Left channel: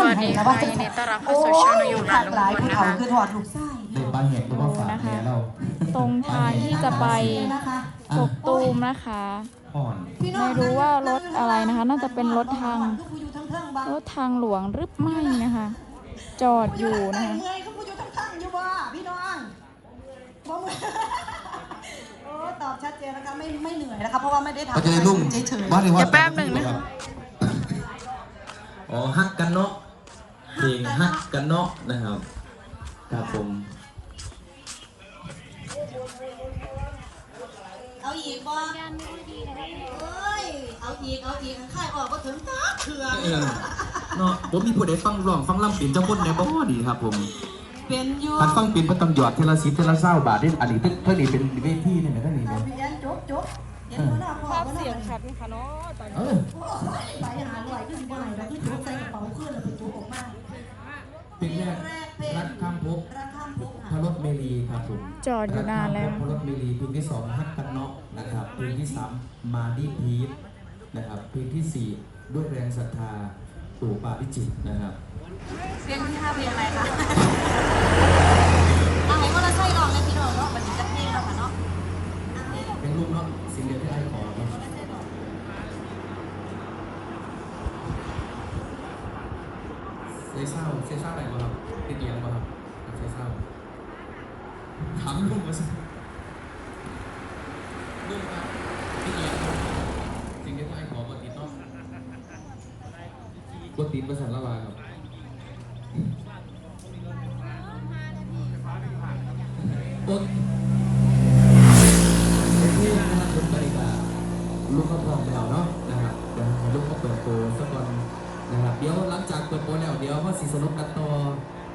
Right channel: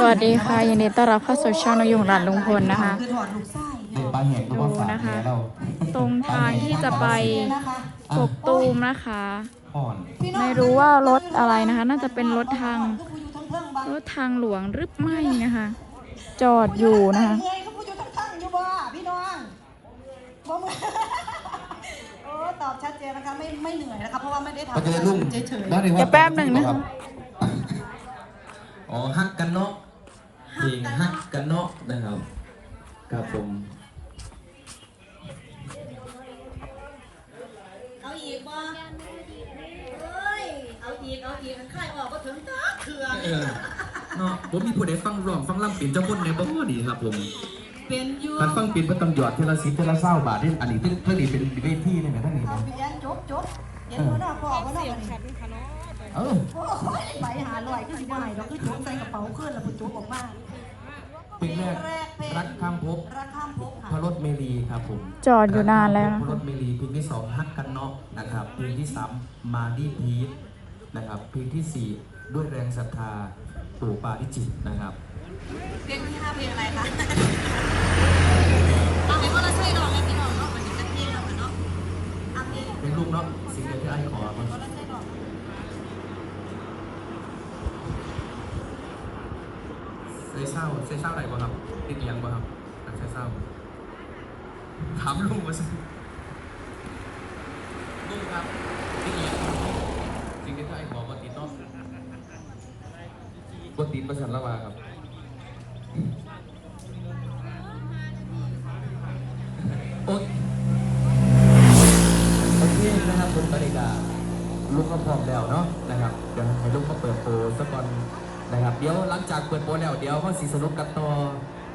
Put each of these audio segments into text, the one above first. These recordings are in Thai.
สวัสดีค่ะยินดีต้อนรับเข้าสู่ช่องนายงหลานลุงพลนะคะคือถอดลูกไส้เด็กบางแห่งก็ดูมาฝากนะคะเราตรงทางที่จะไปกกตูมนะคะพ่อนไม่รู้ว่ารถอะไรนะคะ น่าจะเป็นรถทางรถทางหลวงหรือไม่นะคะ จอดอยู่นะคะเอ้ยเขาพูดอยู่ทั้งๆอยู่ว่าพี่น้องบอกว่าโอ้ตอบชัดเจนนะคะไม่ไม่เหนื่อยนะคะเพราะว่าไม่ได้ทำก็จะได้ลุ่มเฉยๆว่าถึงว่าเดี๋ยวแป๊บหนึ่งครับอ๋อฮักกันเนาะ เพลงฮักกันเนาะนะครับครับผมเอาอีกบ่เอ้ยเอาอีกเอาอีกค่ายออกก็ถึงตาเถื่อนเออเนาะผมมีผู้ใดฟังร้องฟังลำเป็นเจ้าคนในบ่ดีครับผมเป็นอยู่ถ้าฟังเป็นก็ต้องหยอดเทละสิบเทละเศร้าบาทนี่อันนี้เท่าเท่านี้เป็นเวทีนี่ไหมเท่านี้เนี่ยพี่แอนจบจบเห็นพี่น้องบอกเสียงชัดเออไปหาหน่อยขึ้นได้เราขึ้นใส่กระเป๋าขึ้นแล้วไปจุ๊บออกมา เพลงแรกรักข้ามภพราคาพกพระรถเมลีครับผมจอดอยู่นานแล้วนะพระรถเมลีเพลงที่สองฮักกันเนาะนะครับเพลงที่สามมาดีพีทนะครับเพลงที่สี่ด้วยแรงศรัทธาปู่ปาริจิตรนะครับ เรียนที่เราเรียนอะไรคะเอาให้เราช่วยน้องเลยพี่น้องมันจะเป็นเพลงเราค่ะเนาะ เป็นลูกเนาะสิ่งเดียวที่ไอ้ขอเนาะ เซ่เศร้าเซ่เศร้าอะไรวะครับเป็นเอียงวะครับแบบเซ่เศร้าถามลูกมาสิ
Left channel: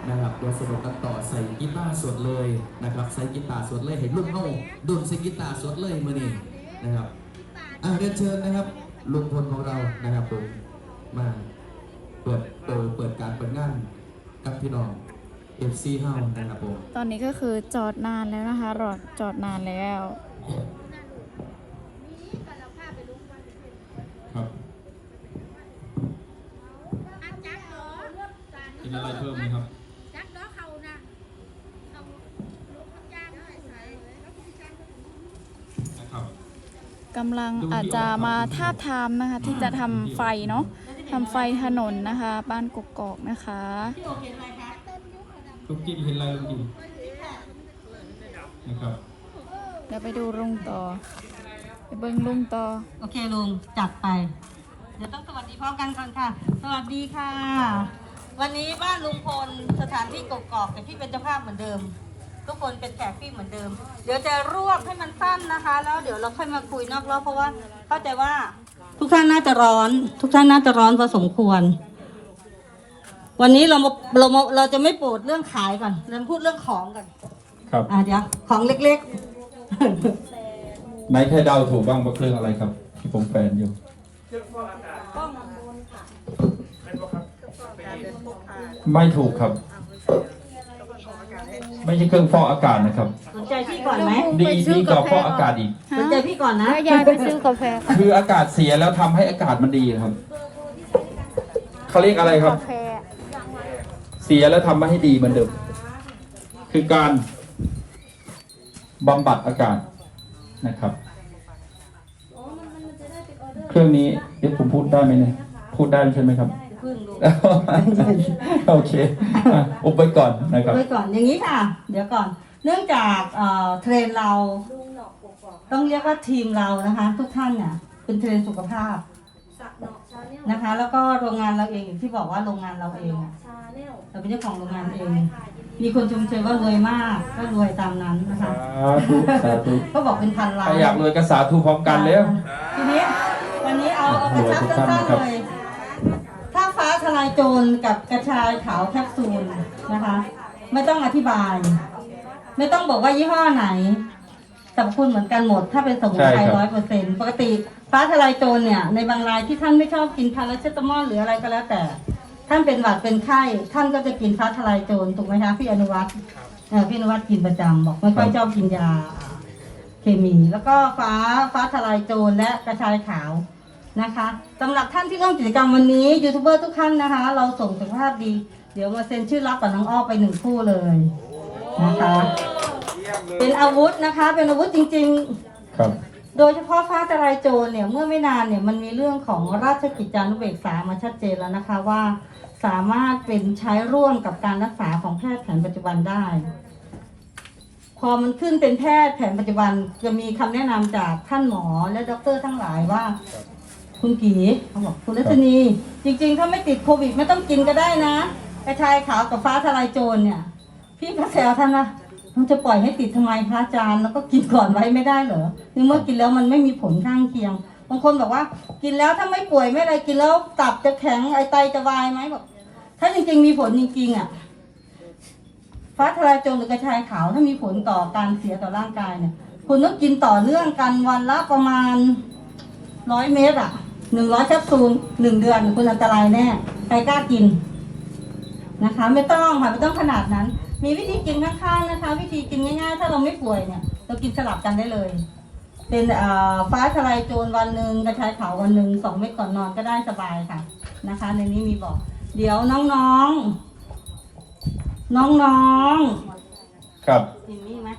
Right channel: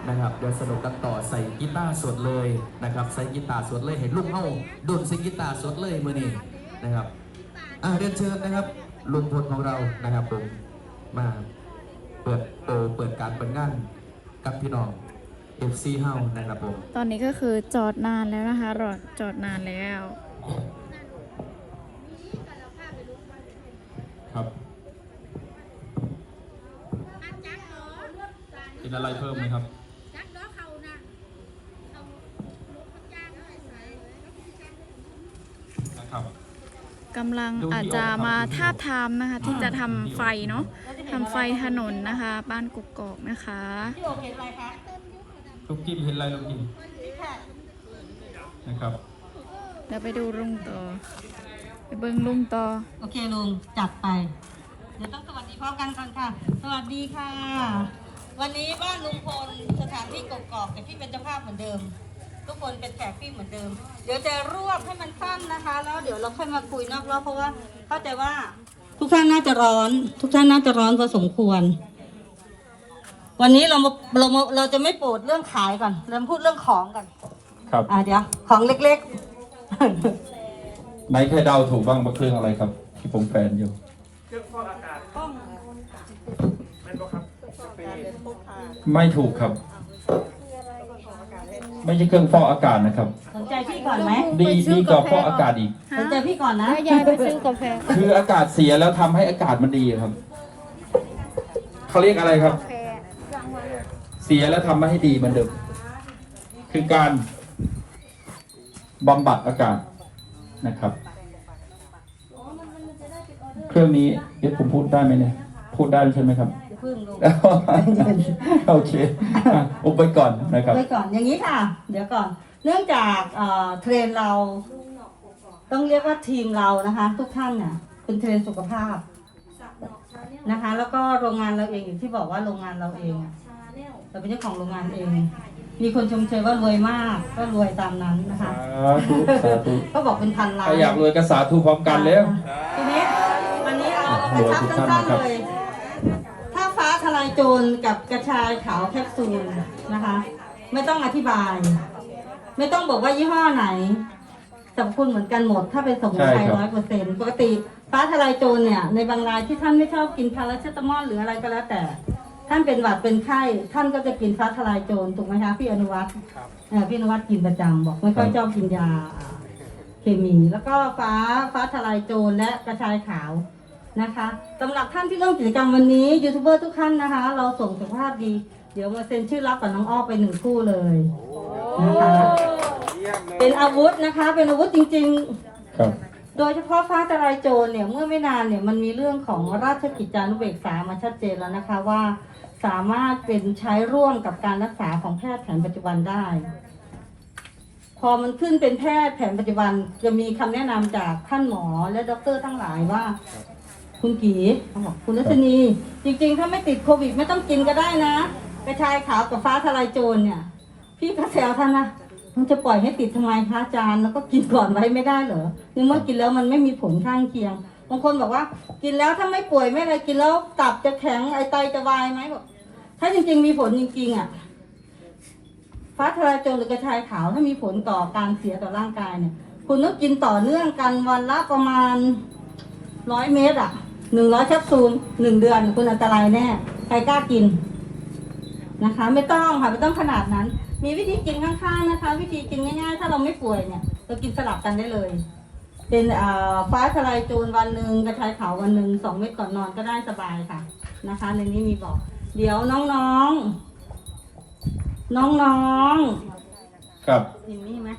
นะครับเดี๋ยวสนุกกันต่อใส่กีตาร์สดเลยนะครับใส่กีตาร์สดเลยเห็นลูกเอ้าดุนใส่กีตาร์สดเลยมื่อนี้นะครับอ่าเรียนเชิญนะครับลุงพลของเรานะครับผมมาเปิดเปิดเปิดการเปิดงานกับพี่น้อง FC เฮานะครับผมตอนนี้ก็คือจอดนานแล้วนะคะรอจอดนานแล้ว ครับกินอะไรเพิ่มไหมครับ จักเด้อเขานะเขาลุกมันจ้างได้ใส่ นะครับ กำลังอาจจะมาทาบทามนะคะ ที่จะทำไฟเนาะทำไฟถนนนะคะ บ้านกกอกนะคะลูกกินเห็นอะไรลูกกินนะครับเดี๋ยวไปดูลุงต่อ ไปเบิ้งลุงต่อ โอเคลุงจัดไป เดี๋ยวต้องสวัสดีพร้อมกันก่อนค่ะ สวัสดีค่ะ วันนี้บ้านลุงพลสถานที่กกอกแต่พี่เป็นเจ้าภาพเหมือนเดิม ทุกคนเป็นแขกพี่เหมือนเดิม เดี๋ยวจะรวบให้มันสั้นนะคะ แล้วเดี๋ยวเราค่อยมาคุยนอกรอบเพราะว่าเข้าใจว่าทุกท่านน่าจะร้อน ทุกท่านน่าจะร้อนพอสมควร วันนี้เรามาเรามาเราจะไม่ปูดเรื่องขายก่อนเราพูดเรื่องของก่อนครับอะเดี๋ยวของเล็กไหนใครเดาถูกบ้างว่าเครื่องอะไรครับ ที่ผมแปลนอยู่ไม่ถูกครับ ไม่ใช่เครื่องฟอกอากาศนะครับๆสนใจพี่ก่อนไหมดีดีกว่าฟอกอากาศอีก สนใจพี่ก่อนนะแล้วยายไปซื้อกาแฟ คืออากาศเสียแล้วทำให้อากาศมันดีครับเขาเรียกอะไรครับ เสียแล้วทำมาให้ดีเหมือนเดิมคือการบำบัดอากาศนะครับ เครื่องนี้เดี๋ยวผมพูดได้ไหมเนี่ยพูดได้ใช่ไหมครับเพิ่งดูโอเคอุบไปก่อนนะครับไว้ก่อนอย่างนี้ค่ะ เดี๋ยวก่อน เนื่องจากเทรนเรา ต้องเรียกว่าทีมเรานะคะ ทุกท่านเนี่ยเป็นเทรนสุขภาพนะคะ แล้วก็โรงงานเราเองอย่างที่บอกว่าโรงงานเราเองเราเป็นเจ้าของโรงงานเอง มีคนชมเชยว่ารวยมากก็รวยตามนั้นนะคะก็บอกเป็นพันล้านอยากรวยก็สาธุพร้อมกันแล้วทีนี้วันนี้เอากระชับสั้นๆเลย ทลายโจรกับกระชายขาวแคปซูลนะคะ ไม่ต้องอธิบาย ไม่ต้องบอกว่ายี่ห้อไหนสรรพคุณเหมือนกันหมด ถ้าเป็นสมุนไพรใช่ครัร้อบยเปอร์เซ็นต์ปกติฟ้าทลายโจรเนี่ย ในบางรายที่ท่านไม่ชอบกินพาราเซตามอลหรืออะไรก็แล้วแต่ ท่านเป็นหวัดเป็นไข้ท่านก็จะกินฟ้าทลายโจรถูกไหมคะพี่อนุวัฒน์เอ่อพี่อนุวัฒน์กินประจำบอกไม่ค่อยชอบกินยาเคมี แล้วก็ฟ้าฟ้าทลายโจรและกระชายขาว นะคะสำหรับท่านที่ร่วมกิจกรรมวันนี้ยูทูบเบอร์ทุกท่านนะคะ เราส่งสุขภาพดี เดี๋ยวมาเซ็นชื่อรับกับน้องอ้อไปหนึ่งคู่เลยนะคะเป็นอาวุธนะคะ เป็นอาวุธจริง ๆ ครับ โดยเฉพาะฟ้าทลายโจรเนี่ยเมื่อไม่นานเนี่ยมันมีเรื่องของราชกิจจานุเบกษามาชัดเจนแล้วนะคะว่าสามารถเป็นใช้ร่วมกับการรักษาของแพทย์แผนปัจจุบันได้ พอมันขึ้นเป็นแพทย์แผนปัจจุบันจะมีคำแนะนำจากท่านหมอและด็อกเตอร์ทั้งหลายว่า คุณกีเขาบอกคุณรัชนี จริงๆ ถ้าไม่ติดโควิดไม่ต้องกินก็ได้นะ กระชายขาวกับฟ้าทลายโจรเนี่ย พี่ก็แซวท่านนะมันจะปล่อยให้ติดทำไมพระอาจารย์แล้วก็กินก่อนไว้ไม่ได้เหรอในเมื่อกินแล้วมันไม่มีผลข้างเคียงบางคนบอกว่า กินแล้วถ้าไม่ป่วยไม่อะไรกินแล้วตับจะแข็งไอไตจะวายไหมบอกถ้าจริง ๆ มีผลจริงๆอะฟ้าทลายโจรหรือกระชายขาวถ้ามีผลต่อการเสียต่อร่างกายเนี่ยคุณต้องกินต่อเนื่องกันวันละประมาณร้อยเมตรอะ หนึ่งร้อยแคปซูลหนึ่งเดือนคุณอันตรายแน่ใครกล้ากินนะคะ ไม่ต้องค่ะไม่ต้องขนาดนั้น มีวิธีกินข้างๆนะคะ วิธีกินง่ายๆ ถ้าเราไม่ป่วยเนี่ย เรากินสลับกันได้เลย เป็นอ่าฟ้าทลายโจรวันหนึ่งกระชายขาววันหนึ่งสองเม็ดก่อนนอนก็ได้สบายค่ะนะคะ ในนี้มีบอก เดี๋ยวน้องๆ น้องครับๆจิมมี่ไหม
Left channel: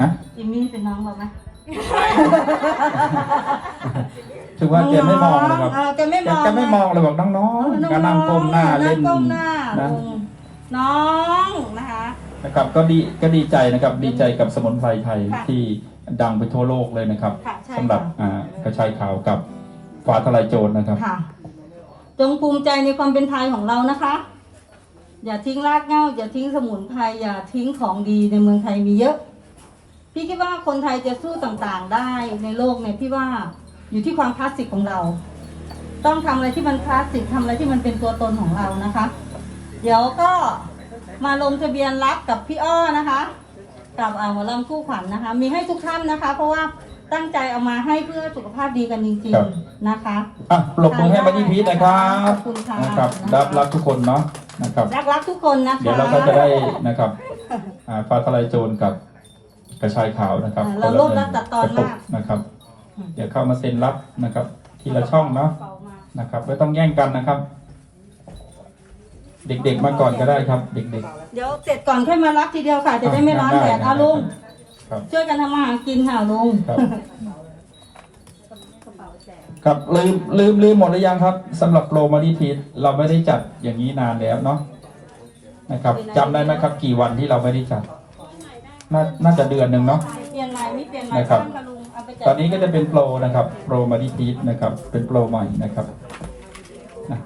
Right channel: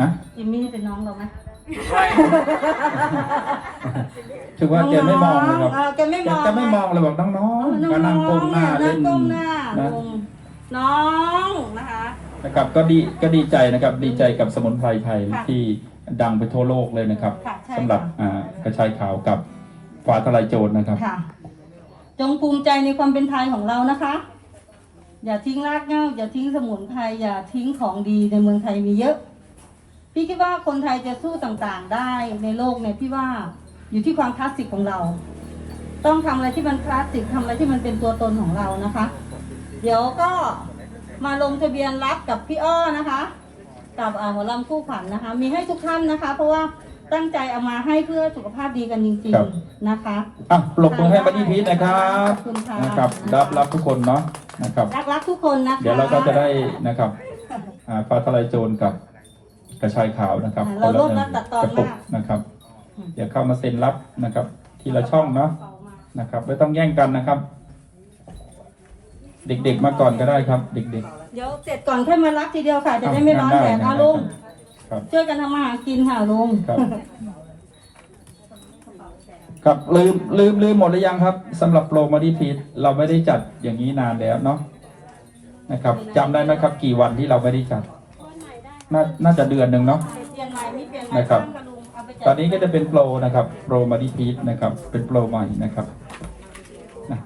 นะจิมมี่เป็นน้องเราไหม ถือว่าแกไม่มองเลยครับเราจะไม่แกมองจะไม่มองเลยบอกน้องๆกำลังก้มหน้าเล่นก้มหน้านะลงน้องนะคะนะครับก็ดีก็ดีใจนะครับดีใจกับสมุนไพรไทยค่ะที่ดังไปทั่วโลกเลยนะครับค่ะใช่สำหรับค่ะอ่ากระชายขาวกับฟ้าทลายโจรนะครับค่ะจงภูมิใจในความเป็นไทยของเรานะคะ อย่าทิ้งรากเหง้าอย่าทิ้งสมุนไพรอย่าทิ้งของดีในเมืองไทยมีเยอะ พี่คิดว่าคนไทยจะสู้ต่างๆได้ในโลกเนี่ยพี่ว่าอยู่ที่ความคลาสสิกของเรา ต้องทำอะไรที่มันคลาสสิกทำอะไรที่มันเป็นตัวตนของเรานะคะ เดี๋ยวก็มาลงทะเบียนรับกับพี่อ้อนะคะกับอ่าหมอลำคู่ขวัญนะคะ มีให้ทุกท่านนะคะ เพราะว่าตั้งใจเอามาให้เพื่อสุขภาพดีกันจริงครับๆนะคะอะปรบมือให้บันนี่พีทนะครับขอบคุณค่ะนะครับรับรับทุกคนเนาะนะครับรักรักทุกคนนะคะเดี๋ยวเราก็จะได้นะครับอ่าฟ้าทลายโจรกับ กระชายขาวนะครับเราโลดรับตัดตอนกระปุกมากนะครับเดี๋ยวเข้ามาเซ็นรับนะครับ ทีละช่องเนาะนะครับ ไม่ต้องแย่งกันนะครับ เด็กๆมาก่อนก็ได้ครับ เด็กเดี๋ยวเสร็จก่อนค่อยมารับทีเดียวค่ะ จะได้ไม่ร้อนแดดเอาลุงครับช่วยกันทำมาหากินค่ะลุงครับครับลืมลืมลืมหมดหรือยังครับสำหรับโปรมาดีพีทเราไม่ได้จัดอย่างนี้นานแล้วเนาะนะครับจำได้ไหมครับ กี่วันที่เราไม่ได้จัด น่าน่าจะเดือนหนึ่งเนาะ เปลี่ยนใหม่ไม่เปลี่ยนใหม่นะครับต้องมาลุงเอาไปแจกตอนนี้ก็จะเป็นโปรนะครับ โปรมาดีพีทนะครับ เป็นโปรใหม่นะครับนะ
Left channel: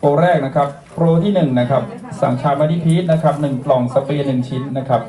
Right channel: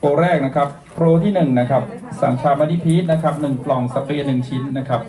โปรแรกนะครับ โปรที่หนึ่งนะครับ สั่งชามาดีพีทนะครับหนึ่งกล่องสเปรย์หนึ่งชิ้นนะครับ